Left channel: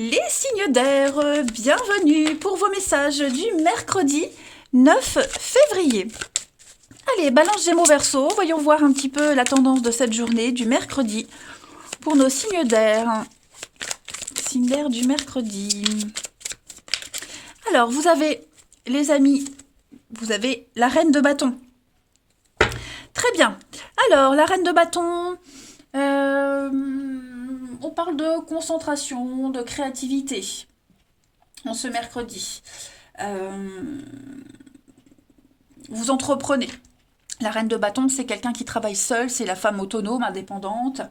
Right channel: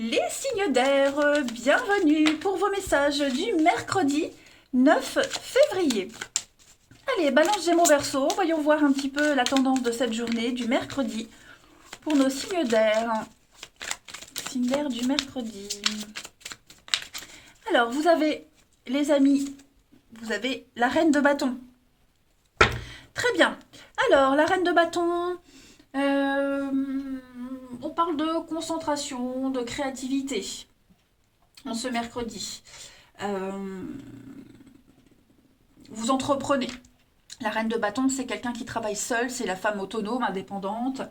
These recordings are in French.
Les signes d'air, bienvenue pour vos messages du mercredi 9 février. Allez, balance Gémeaux Verseau, voyons voir un petit peu la tendance de cette journée du mercredi pour nos signes d'air. Signes d'air du mercredi. Alors, vous avez, les amis, vous avez la reine de bâton. Très bien. Alors, la reine de bâton, on parle de concentration, de créativité en ce mercredi. Vous entreprenez. La reine de bâton, c'est quelqu'un qui travaille seul, c'est la femme autonome, indépendante,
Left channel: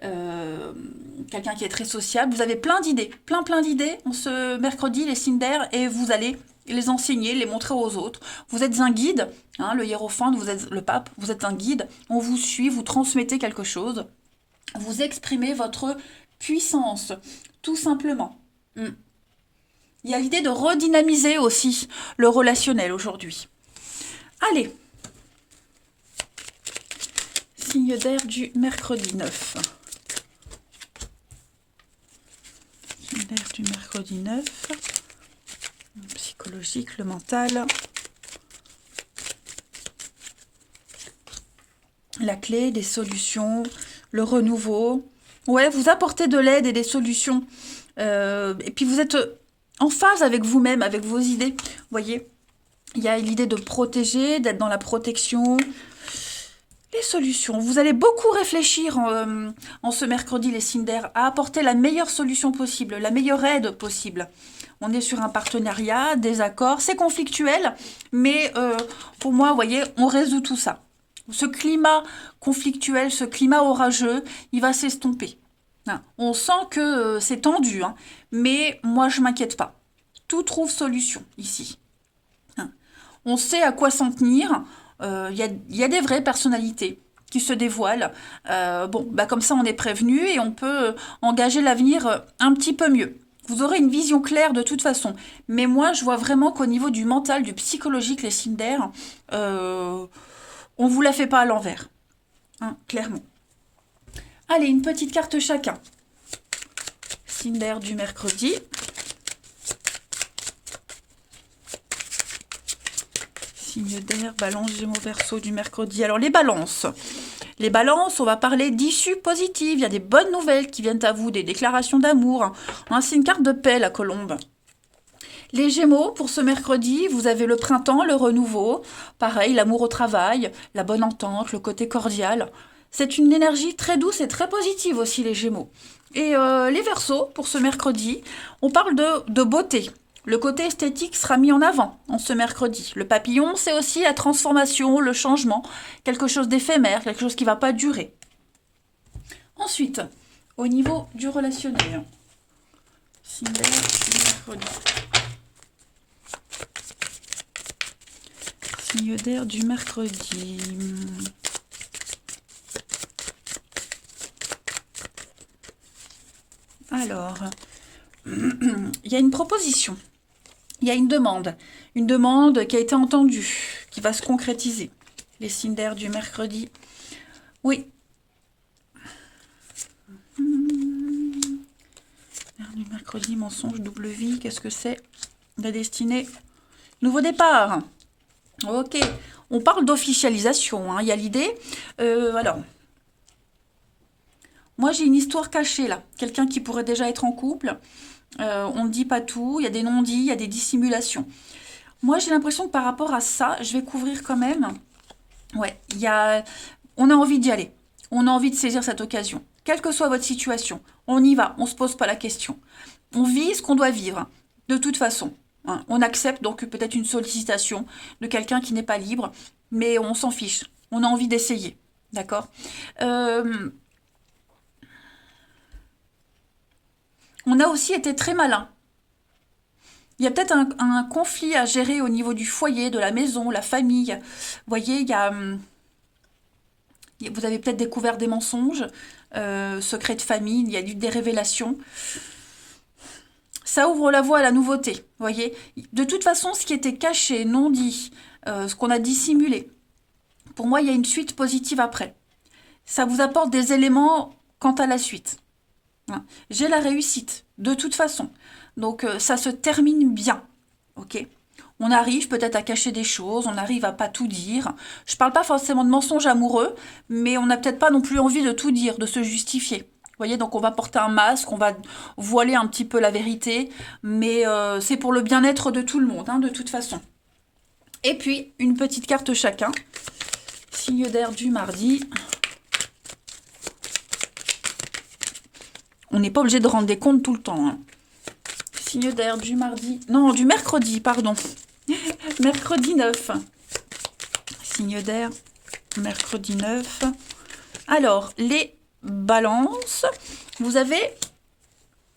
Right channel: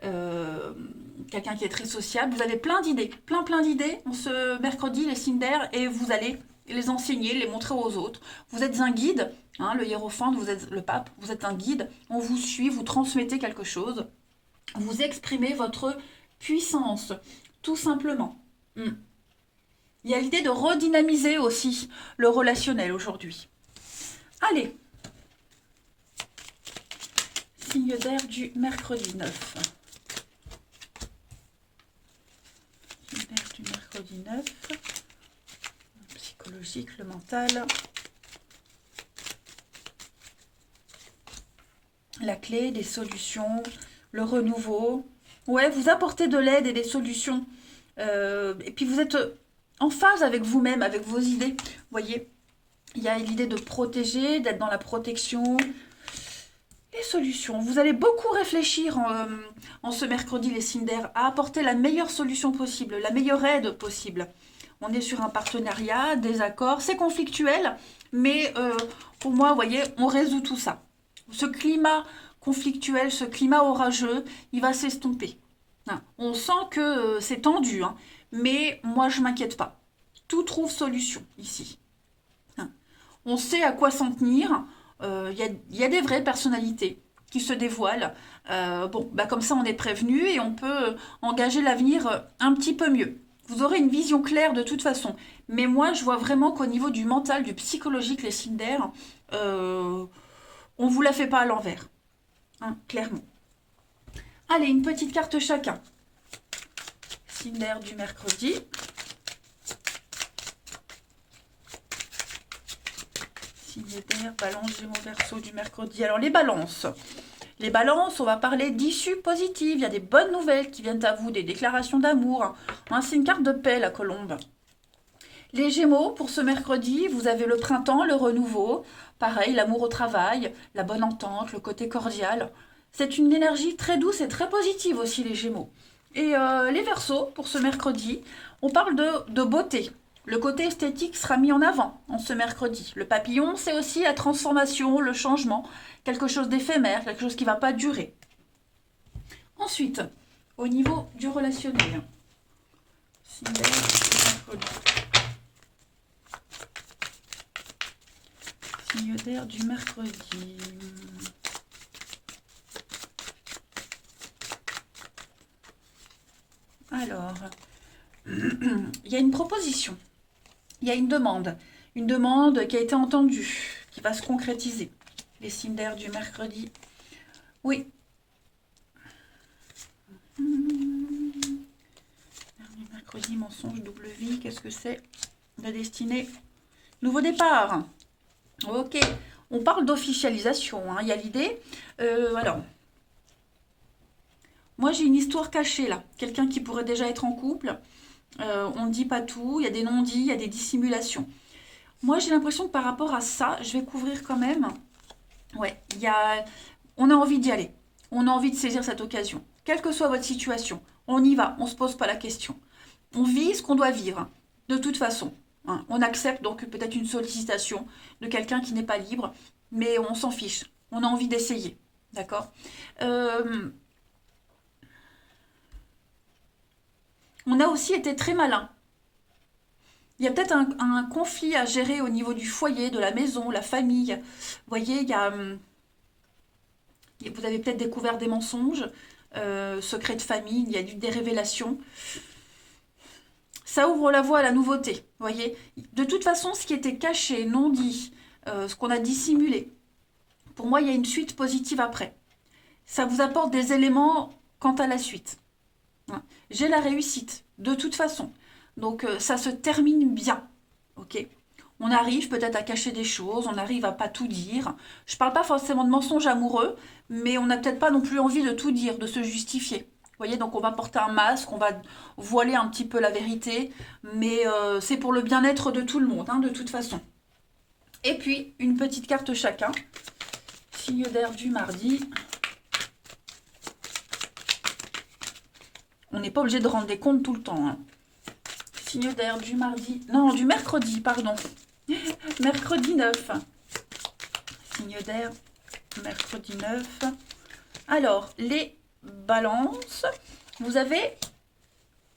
quelqu'un qui est très sociable. Vous avez plein d'idées, plein d'idées en ce mercredi, les signes d'air, et vous allez les enseigner, les montrer aux autres. Vous êtes un guide, hein, le hiérophant, vous êtes le pape, vous êtes un guide, on vous suit, vous transmettez quelque chose, vous exprimez votre puissance, tout simplement. Il y a l'idée de redynamiser aussi le relationnel aujourd'hui. Allez, signe d'air du mercredi 9. Signe d'air du mercredi 9. Psychologique, le mental. La clé, des solutions, le renouveau. Ouais, vous apportez de l'aide et des solutions. Et puis vous êtes en phase avec vous-même, avec vos idées. Vous voyez, il y a l'idée de protéger, d'être dans la protection. Les solutions. Vous allez beaucoup réfléchir en ce mercredi, les signes d'air, à apporter la meilleure solution possible, la meilleure aide possible. On est sur un partenariat, des accords, c'est conflictuel, mais pour moi, vous voyez, on résout tout ça. Ce climat conflictuel, ce climat orageux, il va s'estomper. Hein. On sent que c'est tendu, hein, mais moi, je ne m'inquiète pas. Tout trouve solution ici. Hein. On sait à quoi s'en tenir. Y a des vraies personnalités qui se dévoilent. Comme ça, on est prévenu et on peut engager l'avenir un petit peu mieux. Vous aurez une vision claire de toute façon. Mais moi, je vois vraiment qu'au niveau du mental, du psychologique, les signes d'air, on ne vous la fait pas à l'envers. Hein, clairement. Allez, une petite carte chacun. Signe d'air du mercredi. Signe d'air, balance, Gémeaux, Verseau du mercredi. Alors les balances. Les balances, on va parler d'issues positives. Il y a des bonnes nouvelles qui viennent à vous, des déclarations d'amour. Hein, c'est une carte de paix, la colombe. Les Gémeaux, pour ce mercredi, vous avez le printemps, le renouveau. Pareil, l'amour au travail, la bonne entente, le côté cordial. C'est une énergie très douce et très positive aussi, les Gémeaux. Et les Verseaux, pour ce mercredi, on parle de beauté. Le côté esthétique sera mis en avant en ce mercredi. Le papillon, c'est aussi la transformation, le changement, quelque chose d'éphémère, quelque chose qui ne va pas durer. Ensuite, au niveau du relationnel, signe d'air du mercredi. Signe d'air du mercredi. Alors, il y a une proposition. Il y a une demande qui a été entendue, qui va se concrétiser. Les signes d'air du mercredi. Oui. D'air du mercredi, mensonge, double vie, qu'est-ce que c'est? La destinée. Nouveau départ. Ok. On parle d'officialisation, hein. Il y a l'idée. Alors, moi j'ai une histoire cachée là. Quelqu'un qui pourrait déjà être en couple. On ne dit pas tout, il y a des non-dits, il y a des dissimulations. Moi, j'ai l'impression que par rapport à ça, je vais couvrir quand même. Ouais, on a envie d'y aller. On a envie de saisir cette occasion. Quelle que soit votre situation, on y va, on ne se pose pas la question. On vit ce qu'on doit vivre, de toute façon. Hein. On accepte donc peut-être une sollicitation de quelqu'un qui n'est pas libre, mais on s'en fiche. On a envie d'essayer. D'accord. On a aussi été très malin. Il y a peut-être un conflit à gérer au niveau du foyer, de la maison, la famille. Vous voyez, vous avez peut-être découvert des mensonges, secrets de famille, il y a eu des révélations. Ça ouvre la voie à la nouveauté. Vous voyez, de toute façon, ce qui était caché, non dit, ce qu'on a dissimulé, pour moi, il y a une suite positive après. Ça vous apporte des éléments quant à la suite. Hein. J'ai la réussite, de toute façon. Donc, ça se termine bien. Ok? On arrive peut-être à cacher des choses, on arrive à pas tout dire. Je parle pas forcément de mensonges amoureux, mais on n'a peut-être pas non plus envie de tout dire, de se justifier. Vous voyez, donc on va porter un masque, on va voiler un petit peu la vérité, mais c'est pour le bien-être de tout le monde, hein, de toute façon. Et puis, une petite carte chacun. Signe d'air du mardi. On n'est pas obligé de rendre des comptes tout le temps. Hein. Signe d'air du mardi. Non, du mercredi, pardon. Mercredi 9. Signe d'air, mercredi 9. Alors, les balances. Vous avez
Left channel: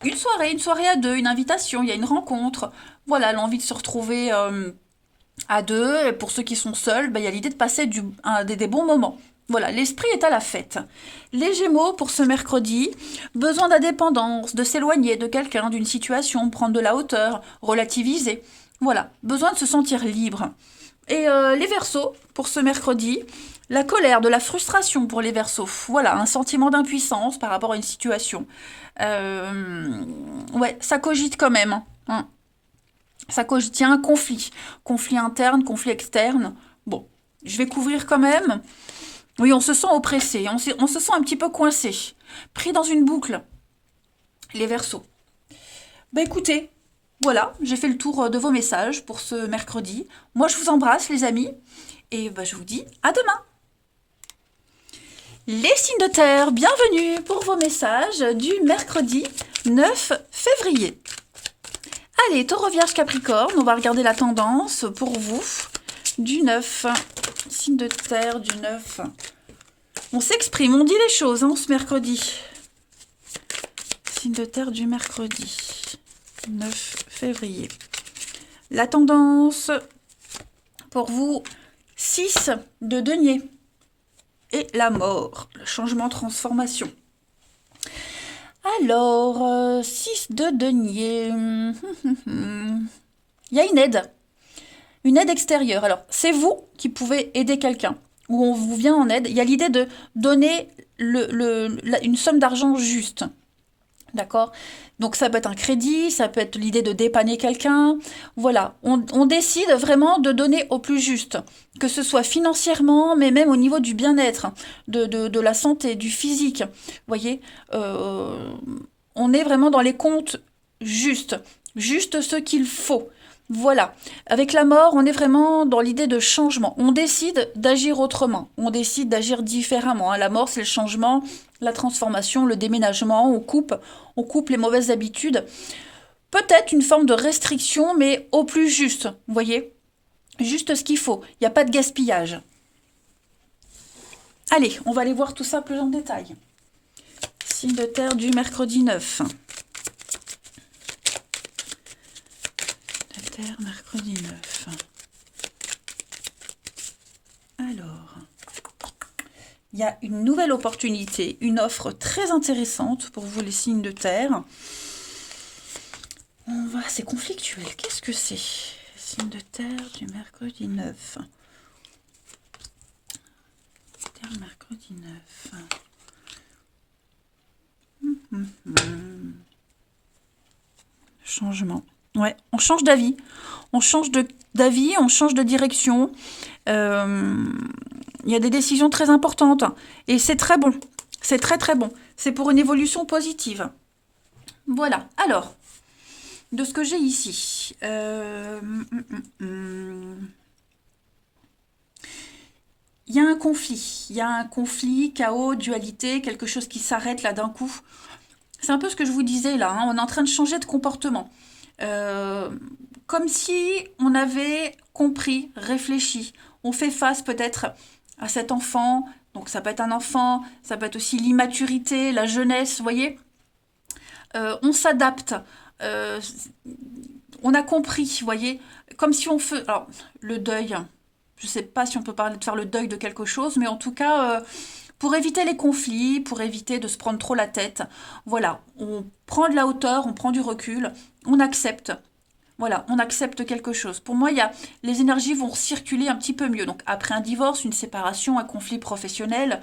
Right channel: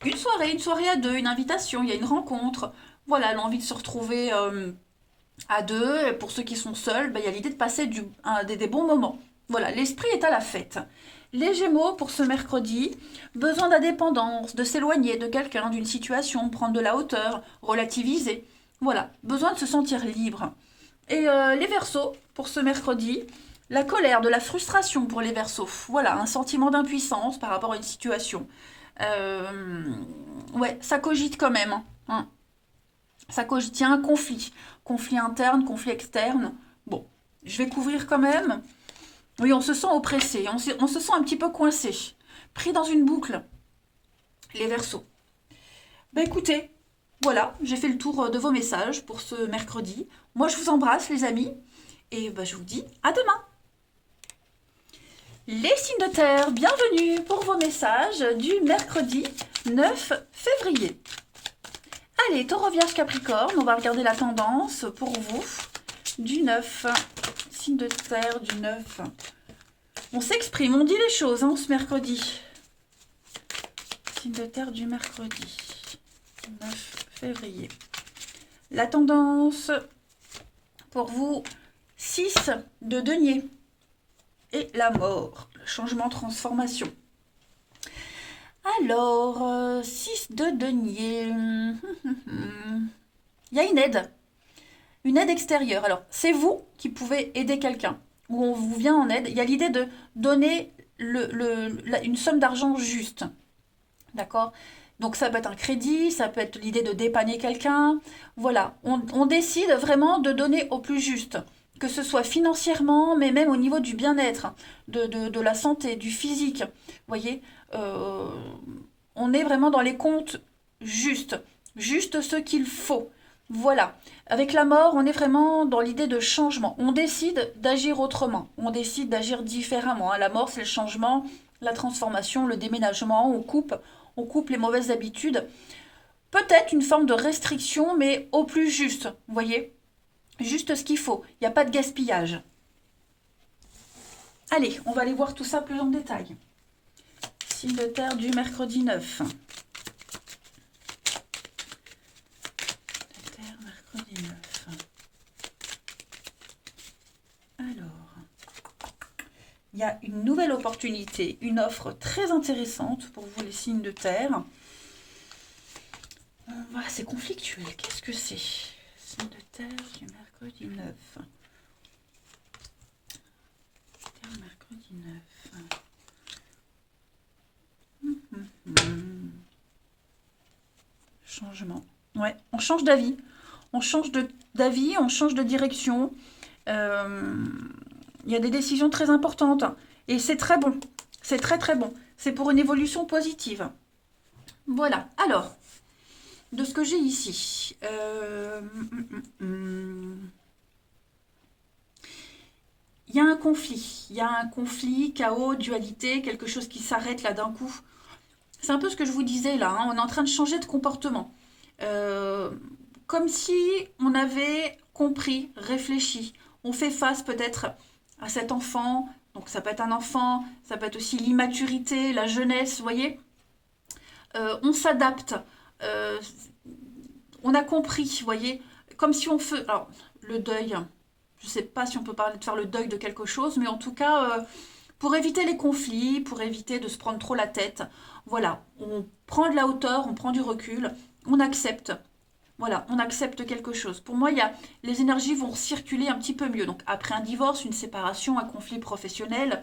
une soirée à deux, une invitation, il y a une rencontre. Voilà, l'envie de se retrouver à deux. Et pour ceux qui sont seuls, ben, il y a l'idée de passer des bons moments. Voilà, l'esprit est à la fête. Les Gémeaux, pour ce mercredi, besoin d'indépendance, de s'éloigner de quelqu'un, d'une situation, prendre de la hauteur, relativiser. Voilà, besoin de se sentir libre. Et les Verseaux, pour ce mercredi, la colère, de la frustration pour les Verseaux. Voilà, un sentiment d'impuissance par rapport à une situation. Ouais, ça cogite quand même. Hein. Ça cogite, il y a un conflit. Conflit interne, conflit externe. Bon, je vais couvrir quand même. Oui, on se sent oppressé, on se sent un petit peu coincé, pris dans une boucle, les Verseaux. Bah écoutez, voilà, j'ai fait le tour de vos messages pour ce mercredi. Moi, je vous embrasse, les amis, et bah, je vous dis à demain. Les signes de terre, bienvenue pour vos messages du mercredi 9 février. Allez, Taureau, Vierge, Capricorne, on va regarder la tendance pour vous du 9. Signe de terre du 9. On s'exprime, on dit les choses hein, ce mercredi. Signe de terre du mercredi 9 février. La tendance pour vous, 6 de denier. Et la mort, le changement, transformation. Alors, 6 de denier. Il y a une aide extérieure. Alors, c'est vous qui pouvez aider quelqu'un, ou on vous vient en aide. Il y a l'idée de donner une somme d'argent juste. D'accord? Donc ça peut être un crédit, ça peut être l'idée de dépanner quelqu'un. Voilà, on décide vraiment de donner au plus juste, que ce soit financièrement, mais même au niveau du bien-être, de la santé, du physique. Vous voyez, on est vraiment dans les comptes justes, juste ce qu'il faut. Voilà, avec la mort, on est vraiment dans l'idée de changement. On décide d'agir autrement, on décide d'agir différemment. Hein. La mort, c'est le changement, la transformation, le déménagement, on coupe les mauvaises habitudes. Peut-être une forme de restriction, mais au plus juste, vous voyez? Juste ce qu'il faut, il n'y a pas de gaspillage. Allez, on va aller voir tout ça plus en détail. Signe de terre du mercredi 9. Mercredi 9. Alors, il y a une nouvelle opportunité, une offre très intéressante pour vous les signes de terre. C'est conflictuel, qu'est-ce que c'est? Signe de terre du mercredi 9. Terre mercredi 9. Changement. Ouais, on change d'avis. On change d'avis, on change de direction. Il y a des décisions très importantes. Et c'est très bon. C'est très très bon. C'est pour une évolution positive. Voilà. Alors, de ce que j'ai ici. Il y a un conflit. Il y a un conflit, chaos, dualité, quelque chose qui s'arrête là d'un coup. C'est un peu ce que je vous disais là. Hein. On est en train de changer de comportement. Comme si on avait compris, réfléchi. On fait face peut-être à cet enfant. Donc ça peut être un enfant, ça peut être aussi l'immaturité, la jeunesse, vous voyez. On s'adapte. Euh, on a compris, vous voyez. Comme si on fait... Alors, le deuil, je ne sais pas si on peut parler de faire le deuil de quelque chose, mais en tout cas... pour éviter les conflits, pour éviter de se prendre trop la tête, voilà, on prend de la hauteur, on prend du recul, on accepte. Voilà, on accepte quelque chose. Pour moi, les énergies vont circuler un petit peu mieux. Donc, après un divorce, une séparation, un conflit professionnel,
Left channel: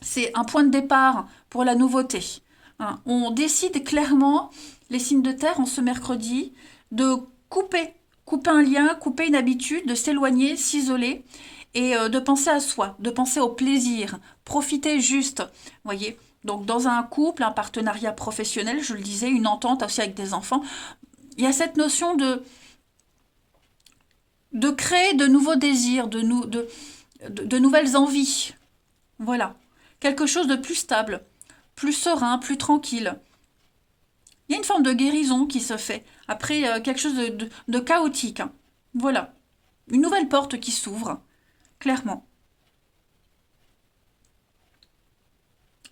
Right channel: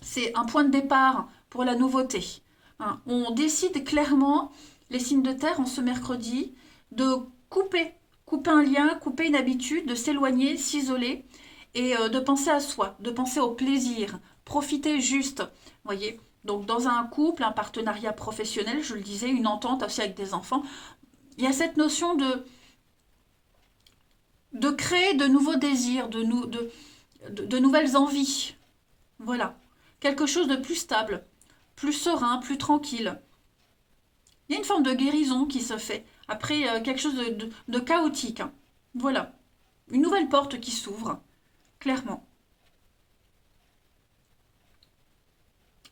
C'est un point de départ pour la nouveauté. Hein. On décide clairement, les signes de terre, en ce mercredi, de couper un lien, couper une habitude, de s'éloigner, s'isoler et de penser à soi, de penser au plaisir, profiter juste. Voyez, donc dans un couple, un partenariat professionnel, je le disais, une entente aussi avec des enfants, il y a cette notion de créer de nouveaux désirs, de nouvelles envies. Voilà. Quelque chose de plus stable, plus serein, plus tranquille. Il y a une forme de guérison qui se fait après quelque chose de chaotique. Hein. Voilà. Une nouvelle porte qui s'ouvre, clairement.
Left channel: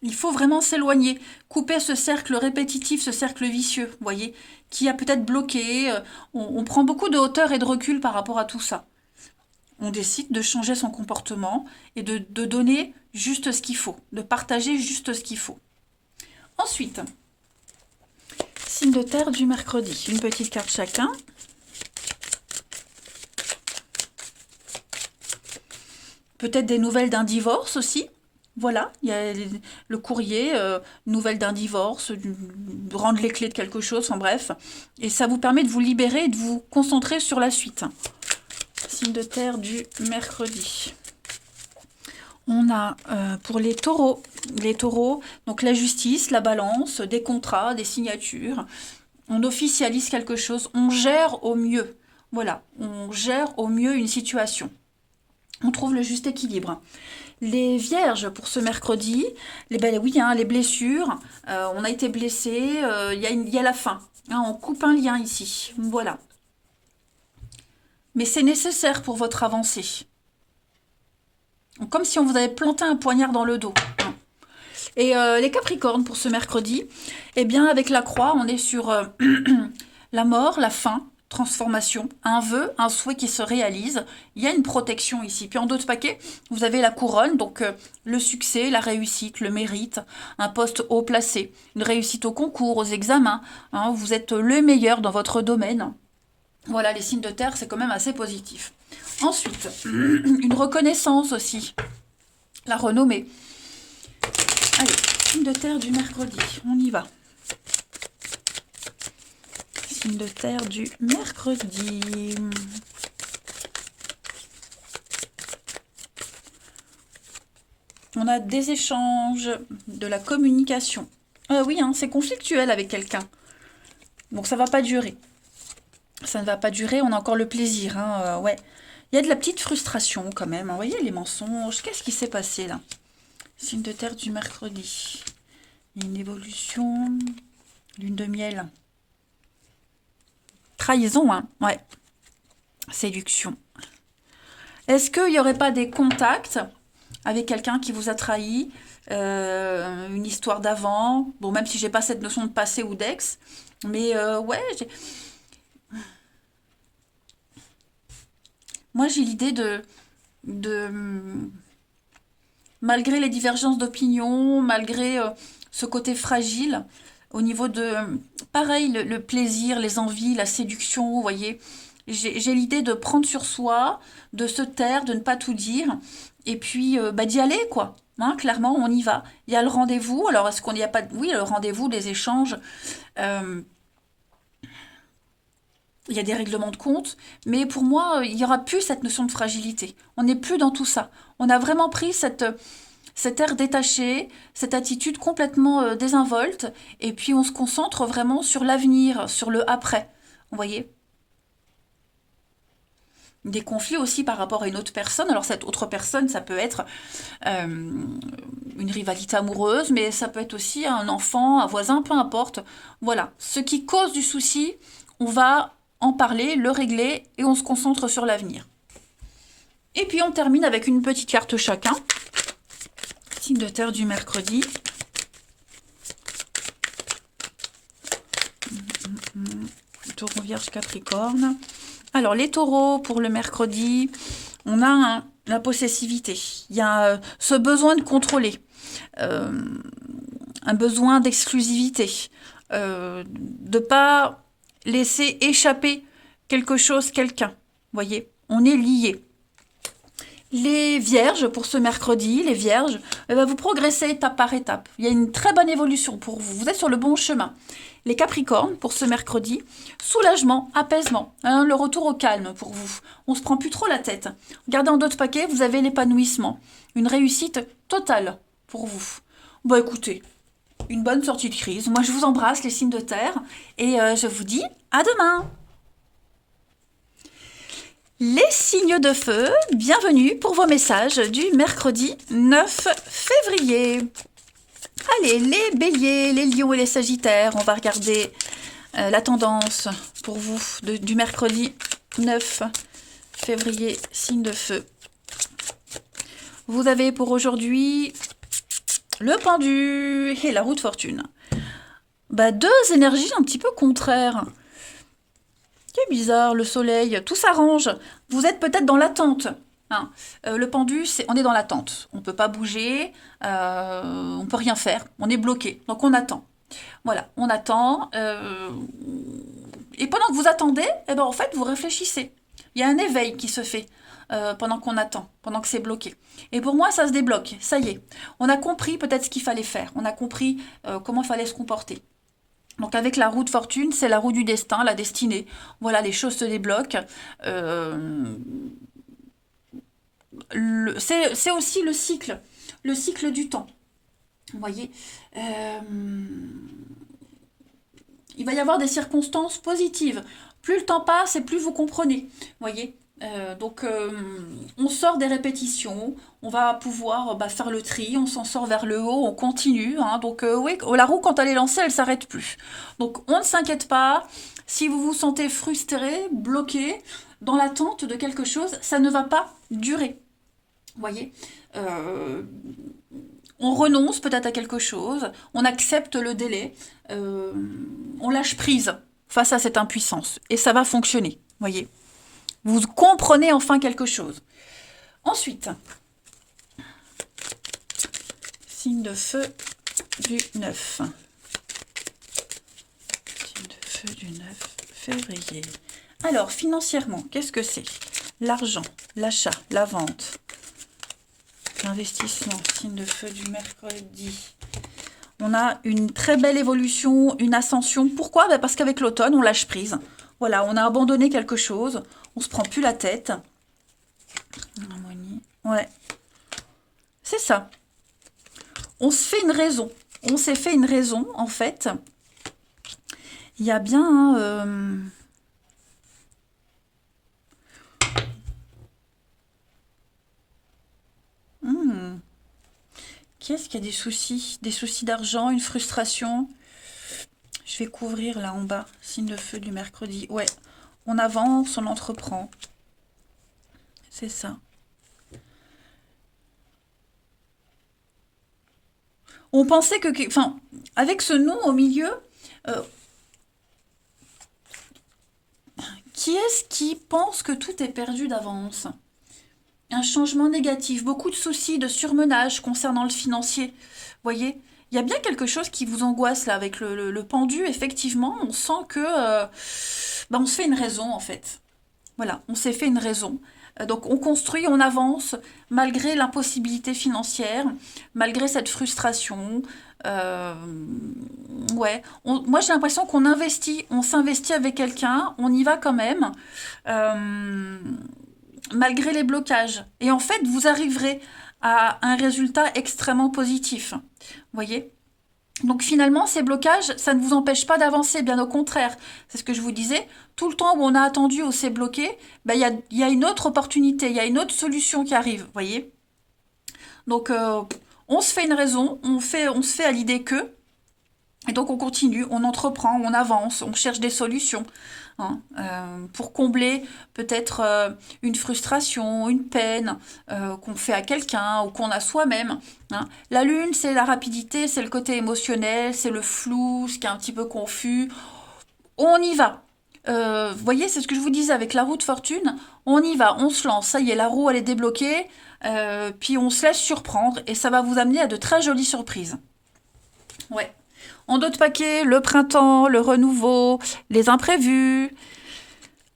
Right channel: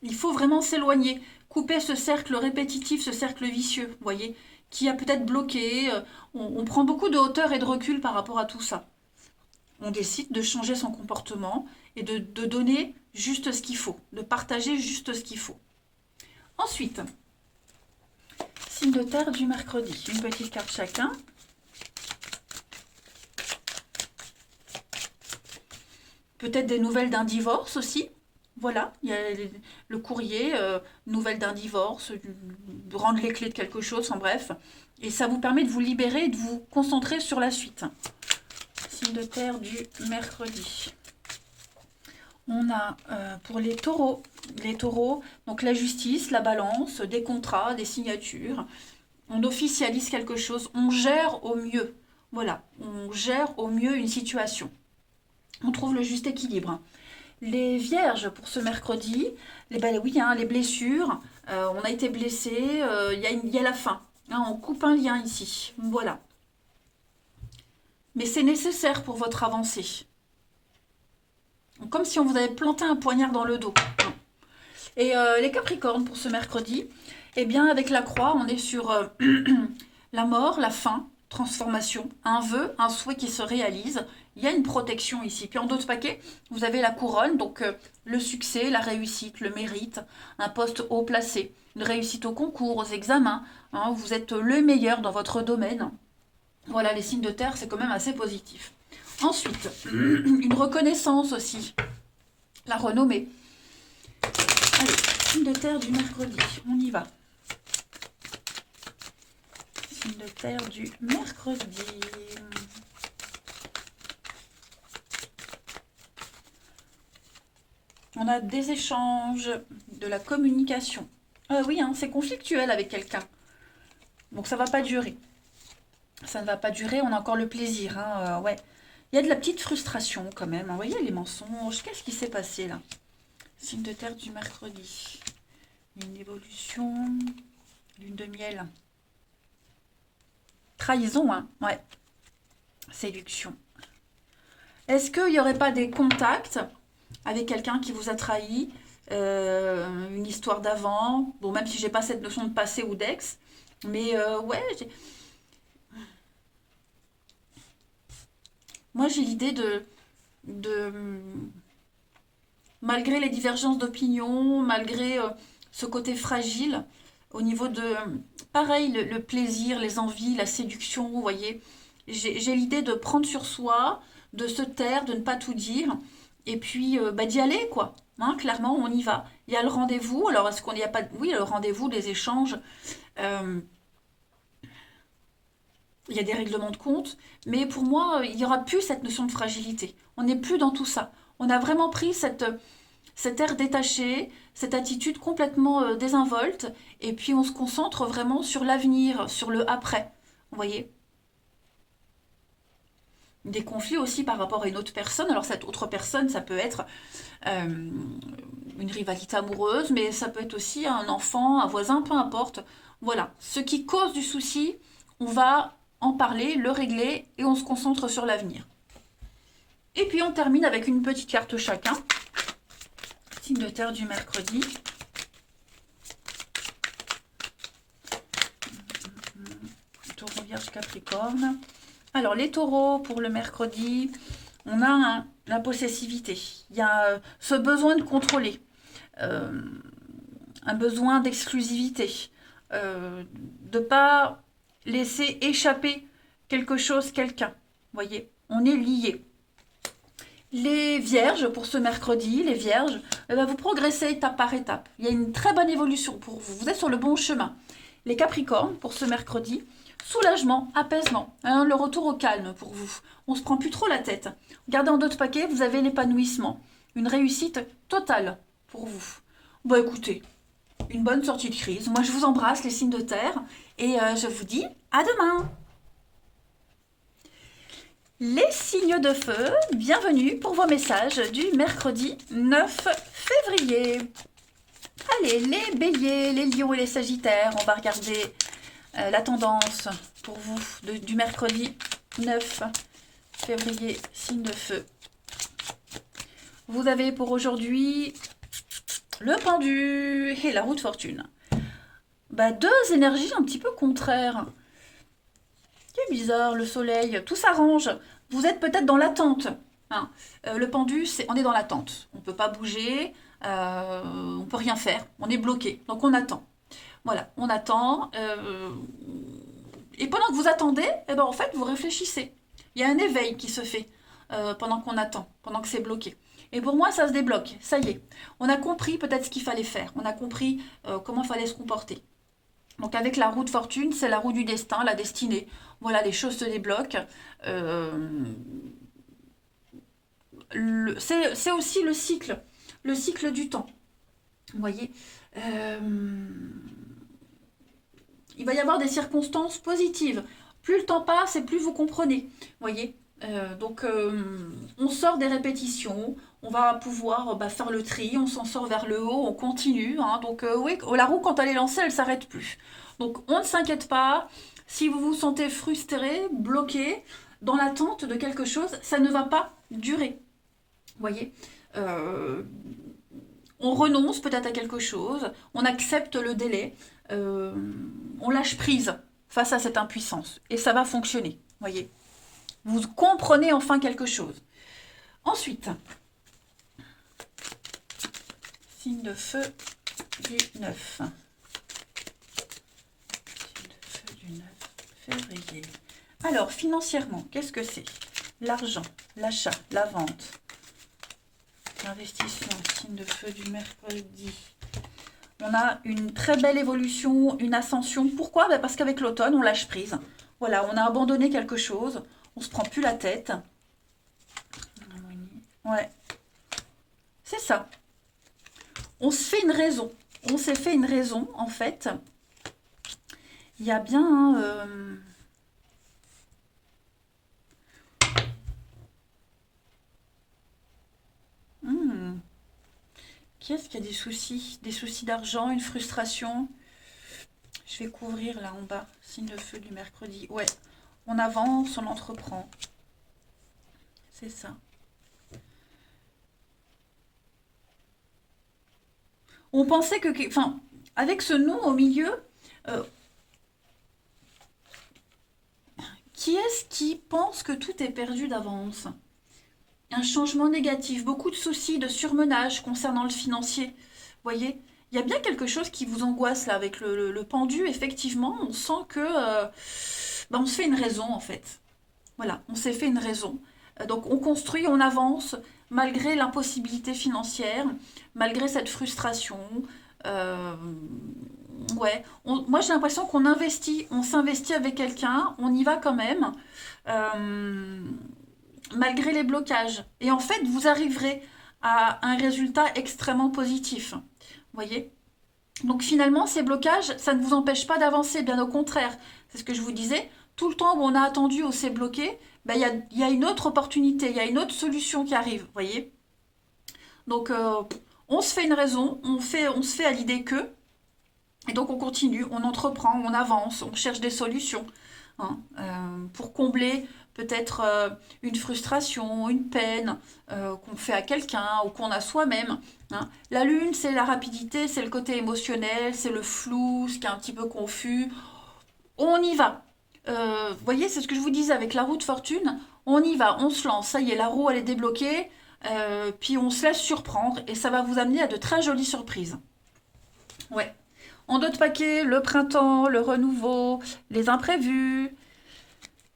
Il faut vraiment s'éloigner, couper ce cercle répétitif, ce cercle vicieux, vous voyez, qui a peut-être bloqué. On prend beaucoup de hauteur et de recul par rapport à tout ça. On décide de changer son comportement et de donner juste ce qu'il faut, de partager juste ce qu'il faut. Ensuite, signe de terre du mercredi. Une petite carte chacun. Peut-être des nouvelles d'un divorce aussi. Voilà, il y a le courrier, nouvelles d'un divorce, de rendre les clés de quelque chose, en bref. Et ça vous permet de vous libérer et de vous concentrer sur la suite. Signe de terre du mercredi. On a pour les taureaux, donc la justice, la balance, des contrats, des signatures. On officialise quelque chose, on gère au mieux. Voilà, on gère au mieux une situation. On trouve le juste équilibre. Les vierges pour ce mercredi, oui, hein, les blessures, on a été blessé, il y a la fin. Hein, on coupe un lien ici, voilà. Mais c'est nécessaire pour votre avancée. Comme si on vous avait planté un poignard dans le dos. Et les Capricornes pour ce mercredi, eh bien avec la croix, on est sur la mort, la fin, transformation, un vœu, un souhait qui se réalise. Il y a une protection ici. Puis en d'autres paquets, vous avez la couronne, donc le succès, la réussite, le mérite, un poste haut placé, une réussite au concours, aux examens. Hein, vous êtes le meilleur dans votre domaine. Voilà, les signes de terre, c'est quand même assez positif. Ensuite, une reconnaissance aussi, la renommée. Allez, signe de terre du mercredi, on y va. Signe de terre du mercredi. On a des échanges, de la communication. Oui, hein, c'est conflictuel avec quelqu'un. Donc ça va pas durer. Ça ne va pas durer, on a encore le plaisir. Hein, ouais. Il y a de la petite frustration quand même. Hein. Vous voyez les mensonges. Qu'est-ce qui s'est passé là? Signe de terre du mercredi. Une évolution. Lune de miel. Trahison, hein. Ouais. Séduction. Est-ce qu'il n'y aurait pas des contacts avec quelqu'un qui vous a trahi, une histoire d'avant? Bon, même si j'ai pas cette notion de passé ou d'ex. Mais ouais, moi j'ai l'idée de malgré les divergences d'opinion, malgré ce côté fragile, au niveau de, pareil, le plaisir, les envies, la séduction, vous voyez, j'ai l'idée de prendre sur soi, de se taire, de ne pas tout dire, et puis d'y aller, quoi. Hein, clairement, on y va. Il y a le rendez-vous. Alors, est-ce qu'on n'y a pas... Oui, le rendez-vous, les échanges. euh, il y a des règlements de compte. Mais pour moi, il n'y aura plus cette notion de fragilité. On n'est plus dans tout ça. On a vraiment pris cet air détaché, cette attitude complètement désinvolte, et puis on se concentre vraiment sur l'avenir, sur le après. Vous voyez? Des conflits aussi par rapport à une autre personne. Alors cette autre personne, ça peut être euh, une rivalité amoureuse, mais ça peut être aussi un enfant, un voisin, peu importe. Voilà, ce qui cause du souci, on va en parler, le régler, et on se concentre sur l'avenir. Et puis on termine avec une petite carte chacun. Signe de terre du mercredi. Taureau, Vierge, Capricorne. Alors, les taureaux, pour le mercredi, on a la possessivité. Il y a ce besoin de contrôler, euh, un besoin d'exclusivité, de ne pas laisser échapper quelque chose, quelqu'un. Vous voyez, on est lié. Les vierges, pour ce mercredi, les vierges, eh ben, vous progressez étape par étape. Il y a une très bonne évolution pour vous. Vous êtes sur le bon chemin. Les capricornes, pour ce mercredi, soulagement, apaisement, hein, le retour au calme pour vous. On se prend plus trop la tête. Regardez en d'autres paquets, vous avez l'épanouissement. Une réussite totale pour vous. Bon, écoutez, une bonne sortie de crise. Moi, je vous embrasse, les signes de terre, et je vous dis à demain. Les signes de feu, bienvenue pour vos messages du mercredi 9 février. Allez, les béliers, les lions et les sagittaires, on va regarder la tendance pour vous du mercredi 9 février, signe de feu. Vous avez pour aujourd'hui le pendu et la roue de fortune. Bah, deux énergies un petit peu contraires. C'est bizarre, le soleil, tout s'arrange. Vous êtes peut-être dans l'attente. Hein. Le pendu, on est dans l'attente. On ne peut pas bouger, on ne peut rien faire. On est bloqué, donc on attend. Voilà, on attend. Et pendant que vous attendez, eh ben, en fait, vous réfléchissez. Il y a un éveil qui se fait pendant qu'on attend, pendant que c'est bloqué. Et pour moi, ça se débloque. Ça y est. On a compris peut-être ce qu'il fallait faire. On a compris comment il fallait se comporter. Donc avec la roue de fortune, c'est la roue du destin, la destinée. Voilà, les choses se débloquent. C'est aussi le cycle du temps. Vous voyez, il va y avoir des circonstances positives. Plus le temps passe et plus vous comprenez. Vous voyez, donc on sort des répétitions, on va pouvoir faire le tri, on s'en sort vers le haut, on continue. Hein, donc oui, la roue quand elle est lancée, elle ne s'arrête plus. Donc on ne s'inquiète pas. Si vous vous sentez frustré, bloqué, dans l'attente de quelque chose, ça ne va pas durer. Vous voyez, on renonce peut-être à quelque chose, on accepte le délai, on lâche prise face à cette impuissance. Et ça va fonctionner, voyez. Vous comprenez enfin quelque chose. Ensuite, signe de feu du 9. Signe de feu du 9 février. Alors, financièrement, qu'est-ce que c'est? L'argent, l'achat, la vente, l'investissement, signe de feu du mercredi. On a une très belle évolution, une ascension. Pourquoi? Parce qu'avec l'automne, on lâche prise. Voilà, on a abandonné quelque chose. On se prend plus la tête. Ouais. C'est ça. On se fait une raison. On s'est fait une raison, en fait. Il y a bien... Qui est-ce qui a des soucis? Des soucis d'argent, une frustration? Je vais couvrir là en bas. Signe de feu du mercredi. Ouais. On avance, on entreprend. C'est ça. On pensait que... Enfin, avec ce nom au milieu, qui est-ce qui pense que tout est perdu d'avance? Un changement négatif, beaucoup de soucis, de surmenage concernant le financier. Vous voyez, il y a bien quelque chose qui vous angoisse là avec le pendu. Effectivement, on sent que on se fait une raison en fait. Voilà, on s'est fait une raison. Donc on construit, on avance malgré l'impossibilité financière, malgré cette frustration. Ouais, moi j'ai l'impression qu'on investit, on s'investit avec quelqu'un, on y va quand même. Malgré les blocages. Et en fait, vous arriverez à un résultat extrêmement positif. Vous voyez? Donc finalement, ces blocages, ça ne vous empêche pas d'avancer, bien au contraire. C'est ce que je vous disais. Tout le temps où on a attendu, où c'est bloqué, y a une autre opportunité, il y a une autre solution qui arrive. Vous voyez? Donc, on se fait une raison, on se fait à l'idée que, et donc on continue, on entreprend, on avance, on cherche des solutions. Hein, pour combler peut-être une frustration, une peine qu'on fait à quelqu'un ou qu'on a soi-même. Hein. La lune, c'est la rapidité, c'est le côté émotionnel, c'est le flou, ce qui est un petit peu confus. On y va. Vous voyez, c'est ce que je vous disais avec la roue de fortune. On y va, on se lance. Ça y est, la roue, elle est débloquée. Puis on se laisse surprendre et ça va vous amener à de très jolies surprises. Ouais. En d'autres paquets, le printemps, le renouveau, les imprévus,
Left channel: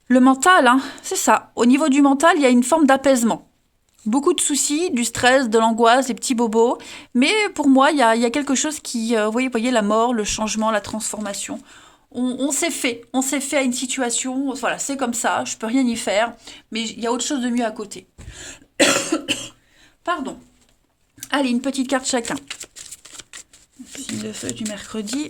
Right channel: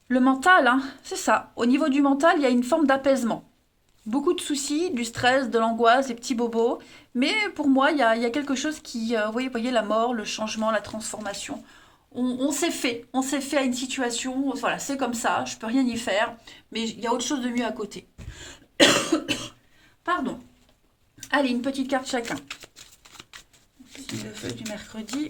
le mental, hein, c'est ça. Au niveau du mental, il y a une forme d'apaisement. Beaucoup de soucis, du stress, de l'angoisse, des petits bobos. Mais pour moi, il y a quelque chose qui... voyez, la mort, le changement, la transformation. On s'est fait. On s'est fait à une situation. Voilà, c'est comme ça. Je peux rien y faire. Mais il y a autre chose de mieux à côté. Pardon. Allez, une petite carte chacun. Signe de feu du mercredi.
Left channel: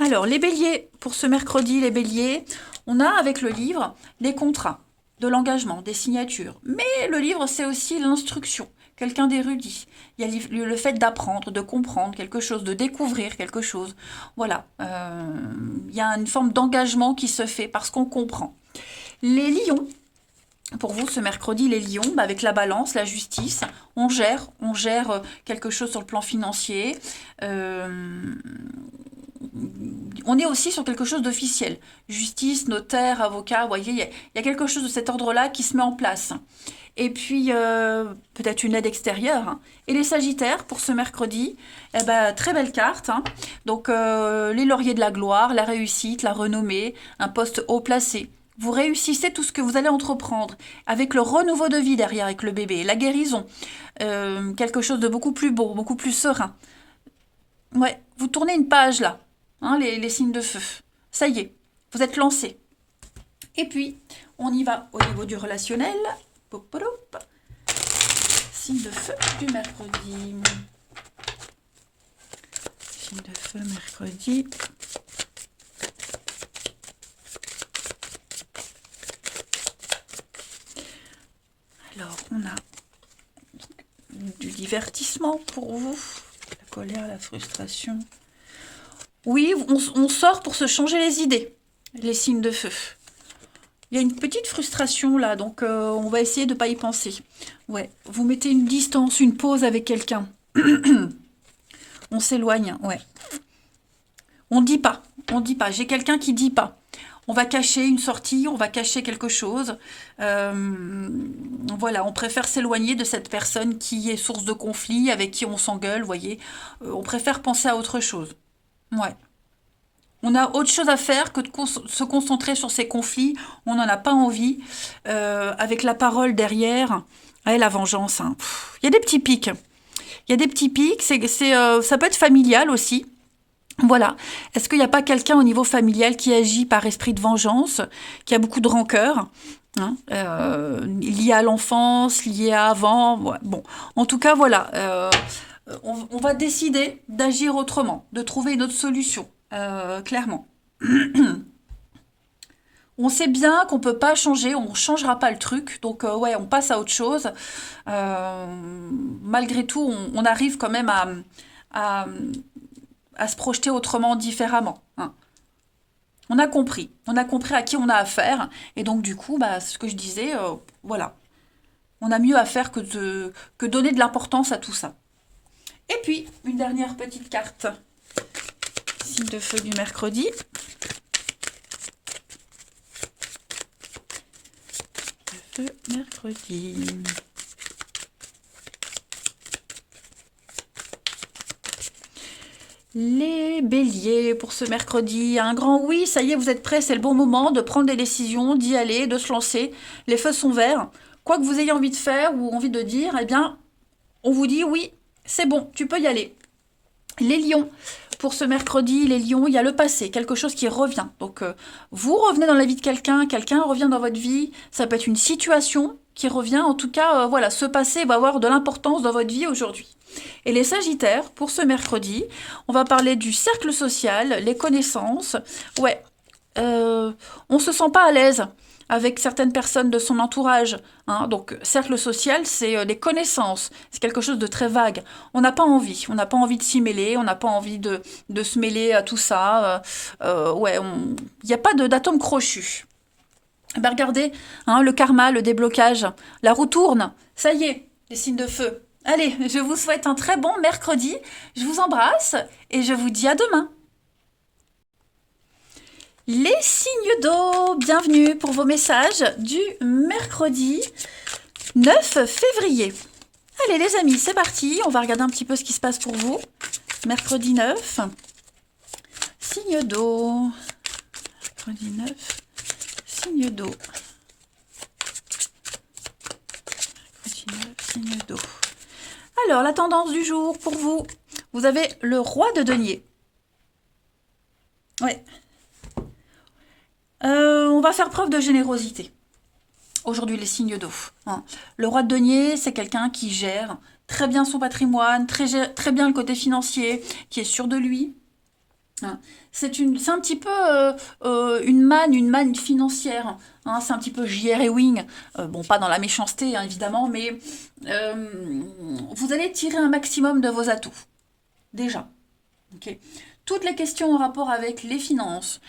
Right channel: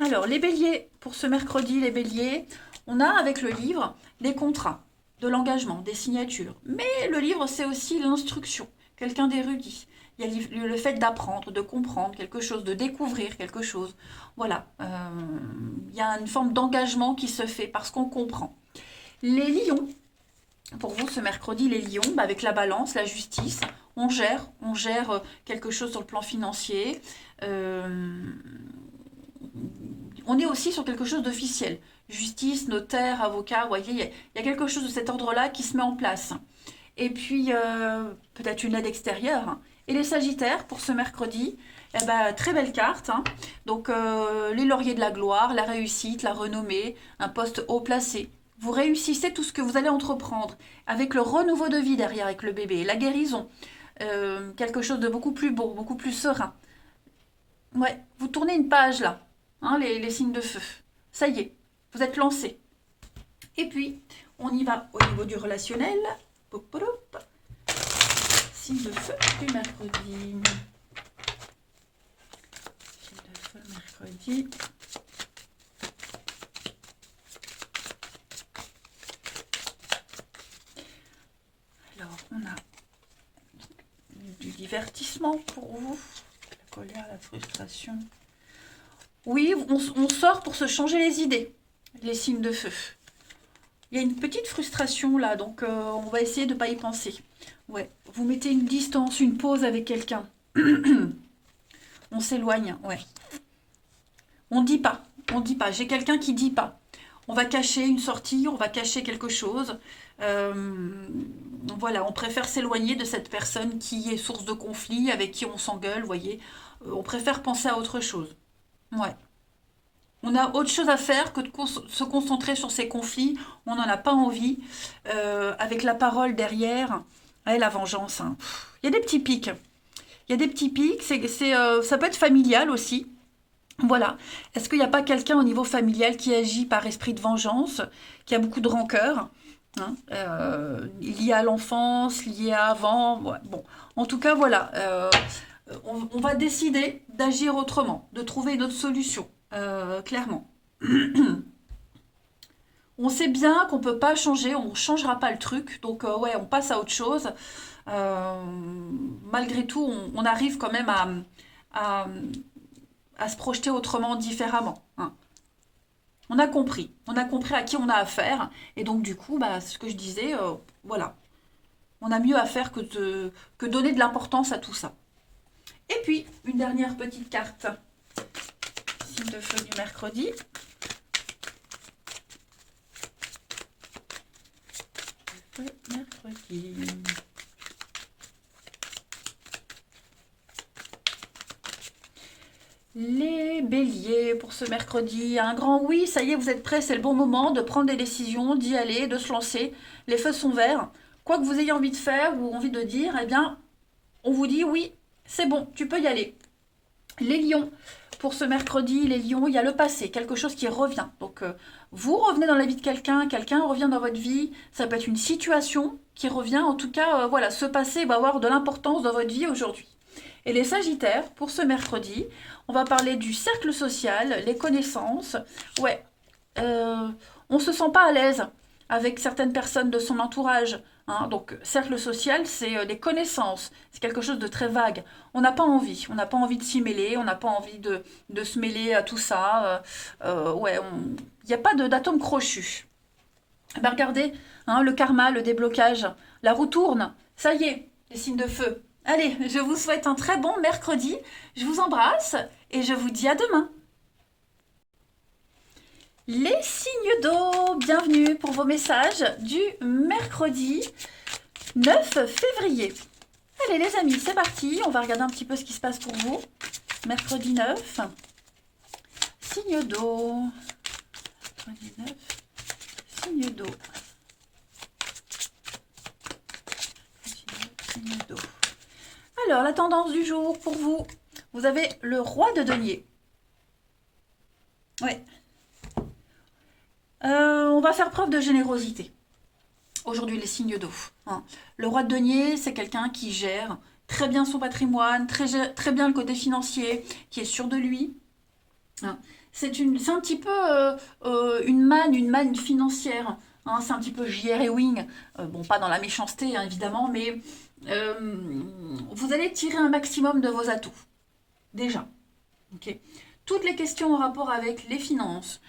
Alors, les béliers, pour ce mercredi, les béliers, on a avec le livre des contrats, de l'engagement, des signatures. Mais le livre, c'est aussi l'instruction, quelqu'un d'érudit. Il y a le fait d'apprendre, de comprendre quelque chose, de découvrir quelque chose. Voilà, il y a une forme d'engagement qui se fait parce qu'on comprend. Les lions, pour vous, ce mercredi, les lions, avec la balance, la justice, on gère quelque chose sur le plan financier. On est aussi sur quelque chose d'officiel. Justice, notaire, avocat, vous voyez, il y a quelque chose de cet ordre-là qui se met en place. Et puis, peut-être une aide extérieure. Hein. Et les Sagittaires, pour ce mercredi, eh ben, très belle carte. Hein. Donc, les lauriers de la gloire, la réussite, la renommée, un poste haut placé. Vous réussissez tout ce que vous allez entreprendre, avec le renouveau de vie derrière, avec le bébé, la guérison. Quelque chose de beaucoup plus beau, beaucoup plus serein. Ouais, vous tournez une page là, hein, les signes de feu. Ça y est, vous êtes lancés. Et puis, on y va au niveau du relationnel. Pop. Signe de feu du mercredi. Signe de feu mercredi. Alors, on a du divertissement pour vous. La colère, la frustration. Oui, on sort pour se changer les idées, les signes de feu. Il y a une petite frustration là, donc on va essayer de ne pas y penser. Ouais, vous mettez une distance, une pause avec quelqu'un. On s'éloigne, ouais. On dit pas. J'ai quelqu'un qui dit pas. On va cacher une sortie, on va cacher quelque chose. Voilà, on préfère s'éloigner de cette personne qui est source de conflit, avec qui on s'engueule, vous voyez. On préfère penser à autre chose. Ouais. On a autre chose à faire que de se concentrer sur ces conflits. On n'en a pas envie. Avec la parole derrière. Ouais, la vengeance. Hein. Il y a des petits pics. Il y a des petits pics. Ça peut être familial aussi. Voilà. Est-ce qu'il n'y a pas quelqu'un au niveau familial qui agit par esprit de vengeance, qui a beaucoup de rancœur, hein, lié à l'enfance, lié à avant. Ouais. Bon, en tout cas, voilà. On va décider d'agir autrement, de trouver une autre solution, clairement. On sait bien qu'on ne peut pas changer, on ne changera pas le truc, donc ouais, on passe à autre chose. Malgré tout, on arrive quand même à, à se projeter autrement, différemment. Hein. On a compris à qui on a affaire, et donc du coup, bah, ce que je disais, voilà, on a mieux à faire que donner de l'importance à tout ça. Et puis, une dernière petite carte, signe de feu du mercredi. Le feu mercredi. Les béliers, pour ce mercredi, un grand oui, ça y est, vous êtes prêts, c'est le bon moment de prendre des décisions, d'y aller, de se lancer. Les feux sont verts. Quoi que vous ayez envie de faire ou envie de dire, eh bien, on vous dit oui, c'est bon, tu peux y aller. Les lions, pour ce mercredi, les lions, il y a le passé, quelque chose qui revient. Donc, vous revenez dans la vie de quelqu'un, quelqu'un revient dans votre vie, ça peut être une situation qui revient. En tout cas, voilà, ce passé va avoir de l'importance dans votre vie aujourd'hui. Et les sagittaires, pour ce mercredi, on va parler du cercle social, les connaissances. Ouais, on se sent pas à l'aise avec certaines personnes de son entourage. Hein. Donc, cercle social, c'est les connaissances. C'est quelque chose de très vague. On n'a pas envie. On n'a pas envie de s'y mêler. On n'a pas envie de se mêler à tout ça. Ouais, il n'y a pas d'atome crochu. Ben regardez, hein, le karma, le déblocage. La roue tourne. Ça y est, les signes de feu. Allez, je vous souhaite un très bon mercredi. Je vous embrasse et je vous dis à demain. Les signes d'eau, bienvenue pour vos messages du mercredi 9 février. Allez les amis, c'est parti, on va regarder un petit peu ce qui se passe pour vous. Mercredi 9, signe d'eau. Mercredi 9, signe d'eau. Mercredi 9, signe d'eau. Alors, la tendance du jour pour vous. Vous avez le roi de denier. Ouais. On va faire preuve de générosité. Aujourd'hui, les signes d'eau. Hein. Le roi de denier, c'est quelqu'un qui gère très bien son patrimoine, très bien le côté financier, qui est sûr de lui. Hein. C'est un petit peu une manne financière. Hein. C'est un petit peu J.R. Ewing. Bon, pas dans la méchanceté, hein, évidemment, mais vous allez tirer un maximum de vos atouts. Déjà. Okay. Toutes les questions en rapport avec les finances,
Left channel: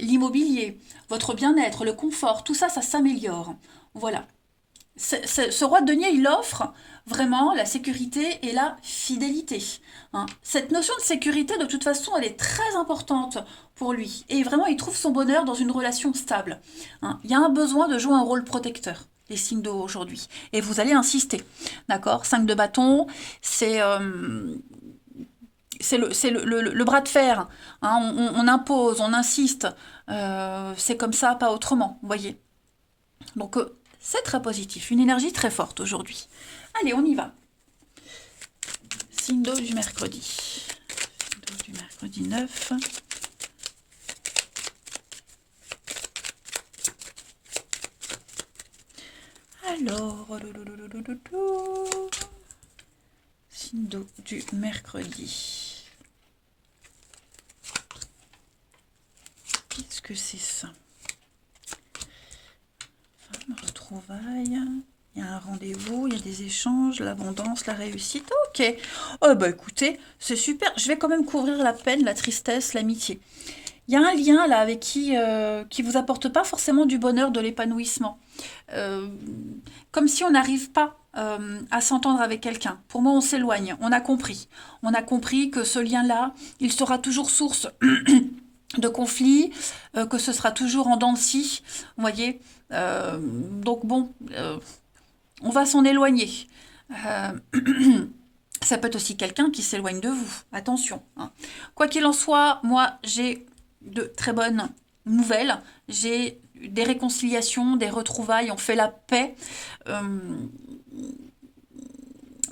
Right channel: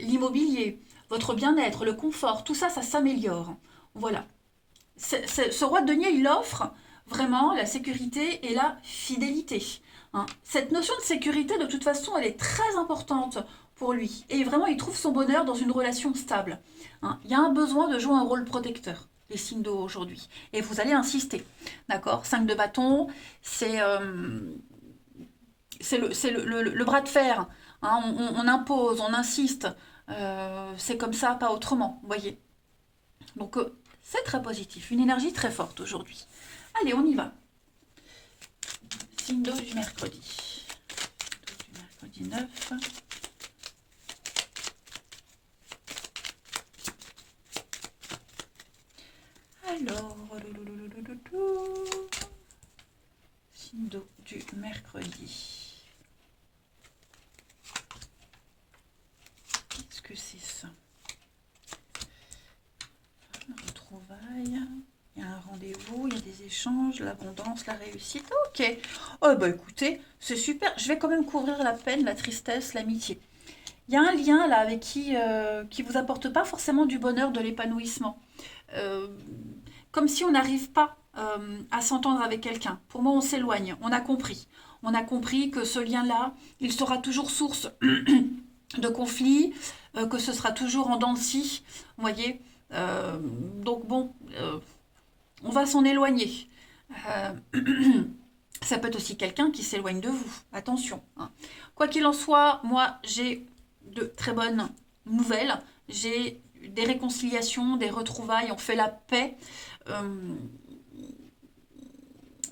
l'immobilier, votre bien-être, le confort, tout ça, ça s'améliore. Voilà. Ce roi de denier, il offre vraiment la sécurité et la fidélité. Hein. Cette notion de sécurité, de toute façon, elle est très importante pour lui. Et vraiment, il trouve son bonheur dans une relation stable. Hein. Il y a un besoin de jouer un rôle protecteur, les signes d'eau aujourd'hui. Et vous allez insister. D'accord? 5 de bâton, c'est le bras de fer. Hein. On impose, on insiste. C'est comme ça, pas autrement. Vous voyez? Donc, c'est très positif. Une énergie très forte aujourd'hui. Allez, on y va. Signe d'eau du mercredi. Signe d'eau du mercredi 9. Alors, signe d'eau du mercredi. Qu'est-ce que c'est ça? Retrouvailles. Il y a un rendez-vous, il y a des échanges, l'abondance, la réussite. Ok. Oh bah écoutez, c'est super. Je vais quand même couvrir la peine, la tristesse, l'amitié. Il y a un lien là avec qui vous apporte pas forcément du bonheur, de l'épanouissement. Comme si on n'arrive pas à s'entendre avec quelqu'un. Pour moi, on s'éloigne. On a compris. On a compris que ce lien-là, il sera toujours source de conflits, que ce sera toujours en dents de scie. Vous voyez. Donc bon, on va s'en éloigner. Ça peut être aussi quelqu'un qui s'éloigne de vous. Attention. Hein. Quoi qu'il en soit, moi, j'ai de très bonnes nouvelles. J'ai des réconciliations, des retrouvailles. On fait la paix.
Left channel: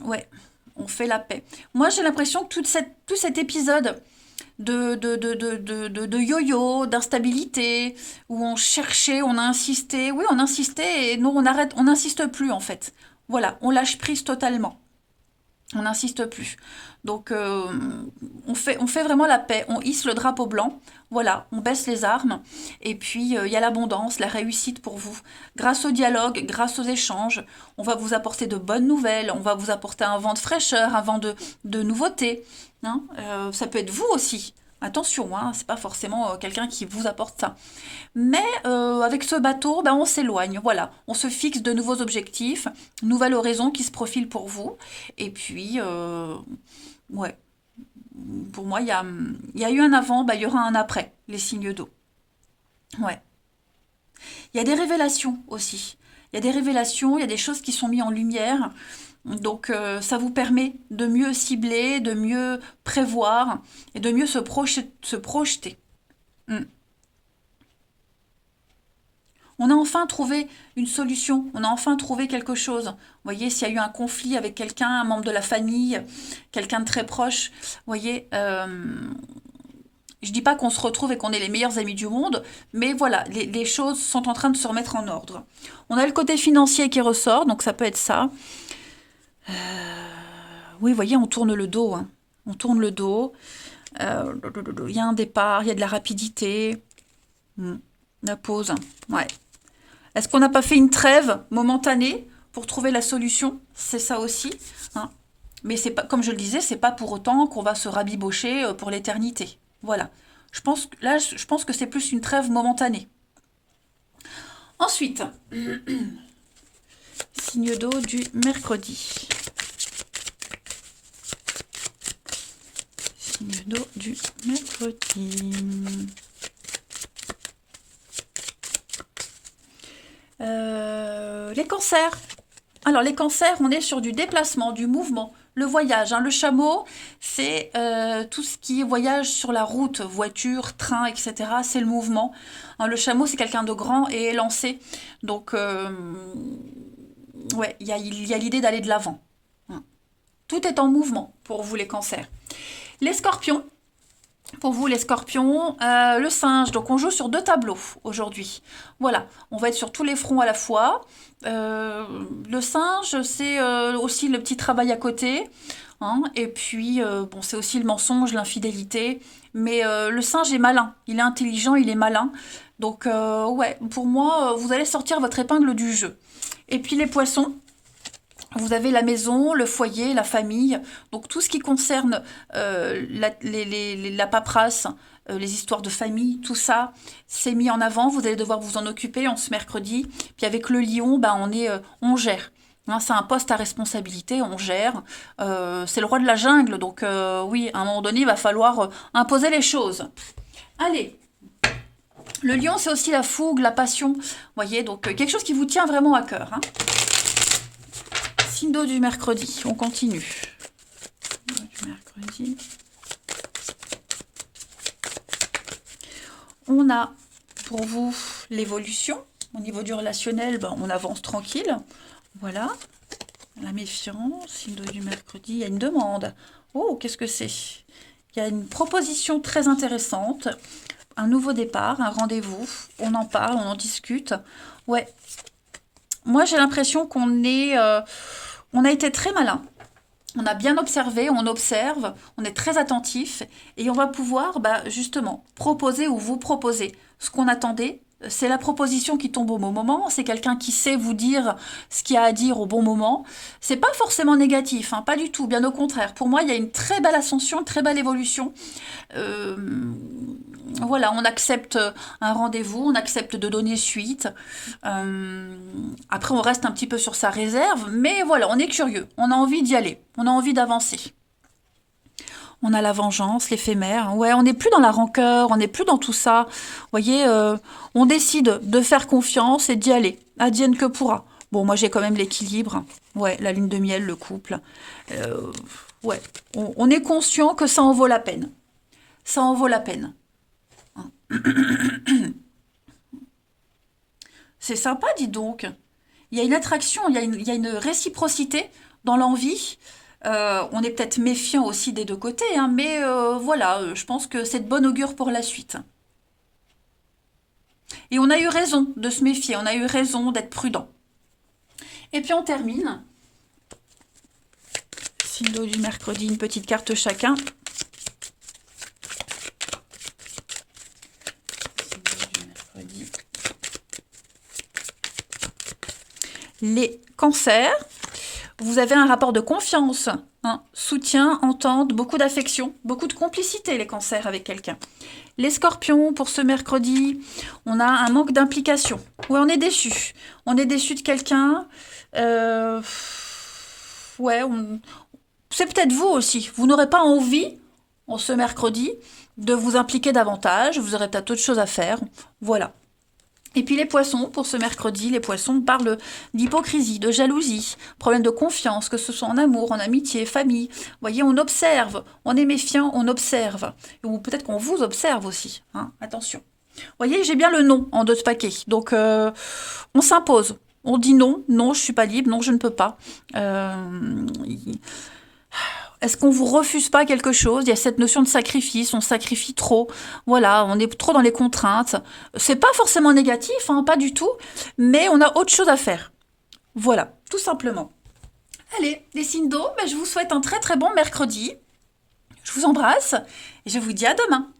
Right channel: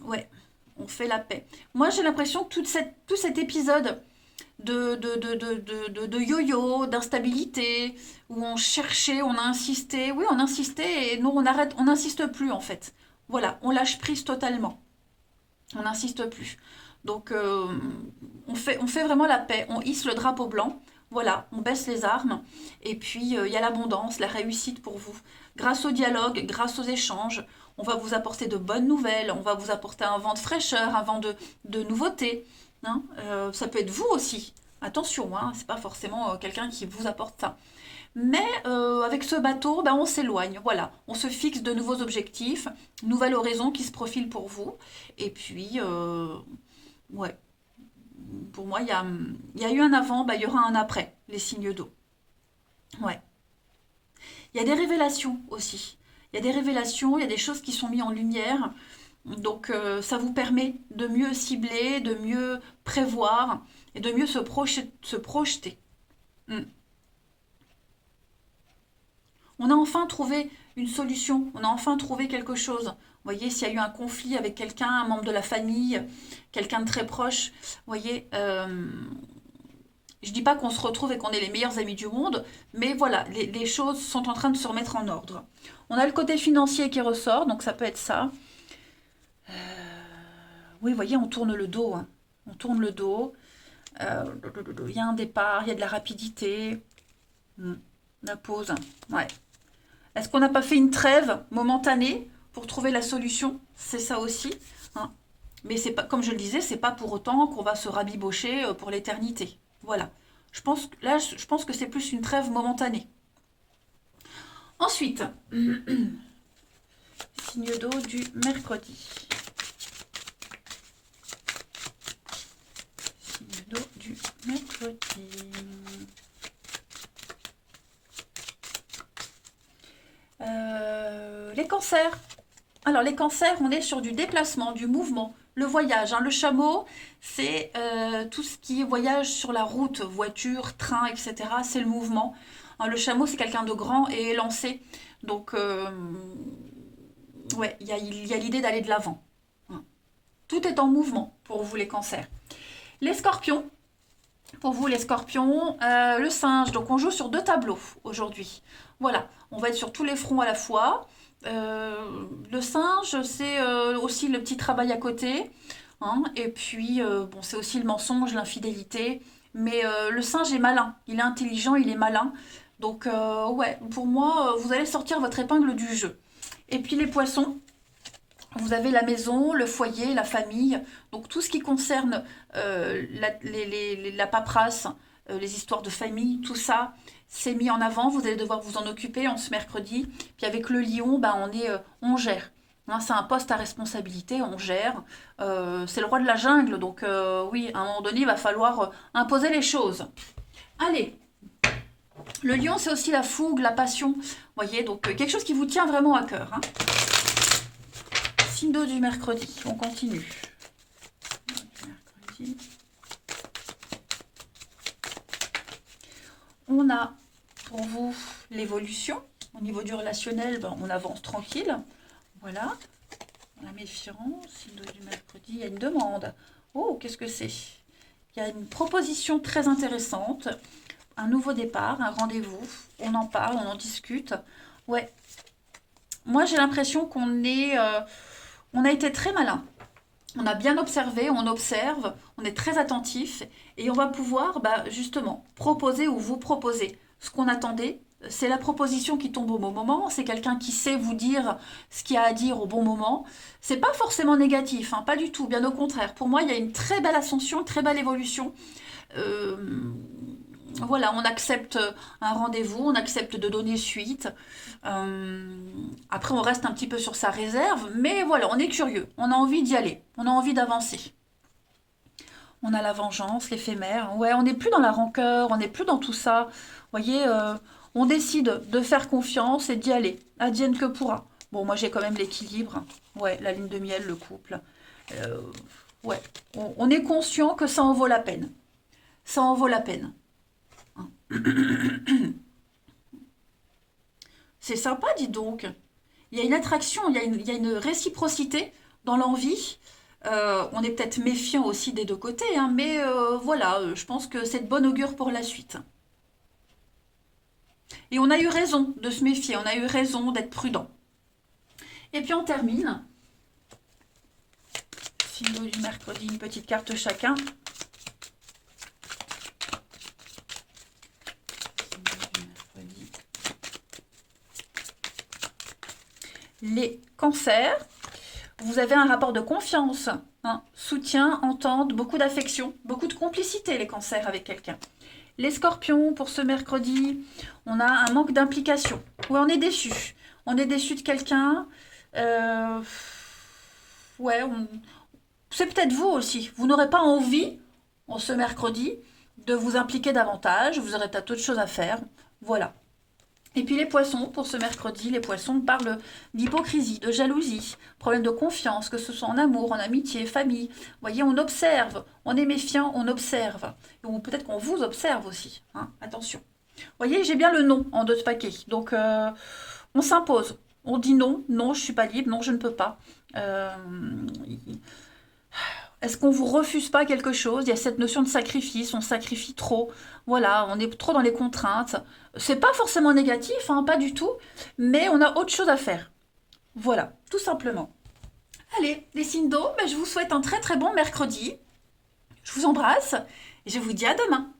Ouais, on fait la paix. Moi, j'ai l'impression que tout cet épisode de yo-yo, d'instabilité, où on cherchait, on a insisté. Oui, on insistait et nous, on arrête, on n'insiste plus en fait. Voilà, on lâche prise totalement. On n'insiste plus. Donc, on fait vraiment la paix. On hisse le drapeau blanc. Voilà, on baisse les armes. Et puis, il y a l'abondance, la réussite pour vous. Grâce au dialogue, grâce aux échanges, on va vous apporter de bonnes nouvelles. On va vous apporter un vent de fraîcheur, un vent de nouveauté. Hein. Ça peut être vous aussi. Attention, hein, c'est pas forcément quelqu'un qui vous apporte ça. Mais avec ce bateau, ben, on s'éloigne. Voilà, on se fixe de nouveaux objectifs, nouvelle horizon qui se profile pour vous. Et puis, ouais, pour moi, il y a eu un avant, ben, il y aura un après, les signes d'eau. Ouais. Il y a des révélations aussi. Il y a des révélations, il y a des choses qui sont mises en lumière. Donc, ça vous permet de mieux cibler, de mieux prévoir et de mieux se projeter. Mm. On a enfin trouvé une solution, on a enfin trouvé quelque chose. Vous voyez, s'il y a eu un conflit avec quelqu'un, un membre de la famille, quelqu'un de très proche, vous voyez, je dis pas qu'on se retrouve et qu'on est les meilleurs amis du monde, mais voilà, les choses sont en train de se remettre en ordre. On a le côté financier qui ressort, donc ça peut être ça. Oui, vous voyez, on tourne le dos. Hein. On tourne le dos. Il y a un départ, il y a de la rapidité. La pause. Ouais. Est-ce qu'on n'a pas fait une trêve momentanée pour trouver la solution? C'est ça aussi. Hein. Mais c'est pas, comme je le disais, c'est pas pour autant qu'on va se rabibocher pour l'éternité. Voilà. Je pense que c'est plus une trêve momentanée. Ensuite, signe d'eau du mercredi. Signe d'eau du mercredi. Les cancers. Alors les cancers, on est sur du déplacement, du mouvement, Le voyage, hein. Le chameau, c'est tout ce qui est voyage sur la route, voiture, train, etc. C'est le mouvement. Hein, le chameau, c'est quelqu'un de grand et élancé. Donc, ouais, il y a l'idée d'aller de l'avant. Hein. Tout est en mouvement pour vous les cancers. Les scorpions, pour vous les scorpions, le singe, donc on joue sur deux tableaux aujourd'hui. Voilà, on va être sur tous les fronts à la fois. Le singe, c'est aussi le petit travail à côté. Hein, et puis, bon, c'est aussi le mensonge, l'infidélité. Mais le singe est malin, il est intelligent, il est malin. Donc, ouais, pour moi, vous allez sortir votre épingle du jeu. Et puis les poissons, vous avez la maison, le foyer, la famille, donc tout ce qui concerne la paperasse, les histoires de famille, tout ça, c'est mis en avant. Vous allez devoir vous en occuper en ce mercredi. Puis avec le lion, ben on gère. Hein, c'est un poste à responsabilité, on gère. C'est le roi de la jungle, donc oui, à un moment donné, il va falloir imposer les choses. Allez, le lion, c'est aussi la fougue, la passion. Vous voyez, donc quelque chose qui vous tient vraiment à cœur. Hein. Signe d'eau du mercredi, on continue. Du mercredi. On a pour vous l'évolution. Au niveau du relationnel, ben, on avance tranquille. Voilà. La méfiance, signe d'eau du mercredi, il y a une demande. Oh, qu'est-ce que c'est? Il y a une proposition très intéressante. Un nouveau départ, un rendez-vous. On en parle, on en discute. Ouais. Moi, j'ai l'impression on a été très malin. On a bien observé, on observe, on est très attentif et on va pouvoir bah, justement proposer ou vous proposer ce qu'on attendait. C'est la proposition qui tombe au bon moment, c'est quelqu'un qui sait vous dire ce qu'il y a à dire au bon moment. C'est pas forcément négatif, hein, pas du tout, bien au contraire. Pour moi, il y a une très belle ascension, une très belle évolution. Voilà, on accepte un rendez-vous, on accepte de donner suite. Après, on reste un petit peu sur sa réserve, mais voilà, on est curieux, on a envie d'y aller, on a envie d'avancer. On a la vengeance, l'éphémère. Ouais, on n'est plus dans la rancœur, on n'est plus dans tout ça. Vous voyez, on décide de faire confiance et d'y aller. Advienne que pourra. Bon, moi, j'ai quand même l'équilibre. Ouais, la lune de miel, le couple. Ouais, on est conscient que ça en vaut la peine. Ça en vaut la peine. C'est sympa, dis donc. Il y a une attraction, il y a une réciprocité dans l'envie. On est peut-être méfiant aussi des deux côtés, hein, mais voilà, je pense que c'est de bon augure pour la suite. Et on a eu raison de se méfier, on a eu raison d'être prudent. Et puis on termine. Signe du mercredi, une petite carte chacun. Les cancers, vous avez un rapport de confiance, hein, soutien, entente, beaucoup d'affection, beaucoup de complicité, les cancers, avec quelqu'un. Les scorpions, pour ce mercredi, on a un manque d'implication. Oui, on est déçu. On est déçu de quelqu'un. Ouais, c'est peut-être vous aussi. Vous n'aurez pas envie, en ce mercredi, de vous impliquer davantage. Vous aurez peut-être autre chose à faire. Voilà. Et puis les poissons, pour ce mercredi, les poissons parlent d'hypocrisie, de jalousie, problème de confiance, que ce soit en amour, en amitié, famille. Vous voyez, on observe, on est méfiant, on observe. Ou peut-être qu'on vous observe aussi, hein, attention. Vous voyez, j'ai bien le non en deux paquets. Donc, on s'impose. On dit non, non, je ne suis pas libre, non, je ne peux pas. Est-ce qu'on vous refuse pas quelque chose? Il y a cette notion de sacrifice, on sacrifie trop. Voilà, on est trop dans les contraintes. C'est pas forcément négatif, hein, pas du tout, mais on a autre chose à faire. Voilà, tout simplement. Allez, les signes d'eau, je vous souhaite un très très bon mercredi. Je vous embrasse et je vous dis à demain.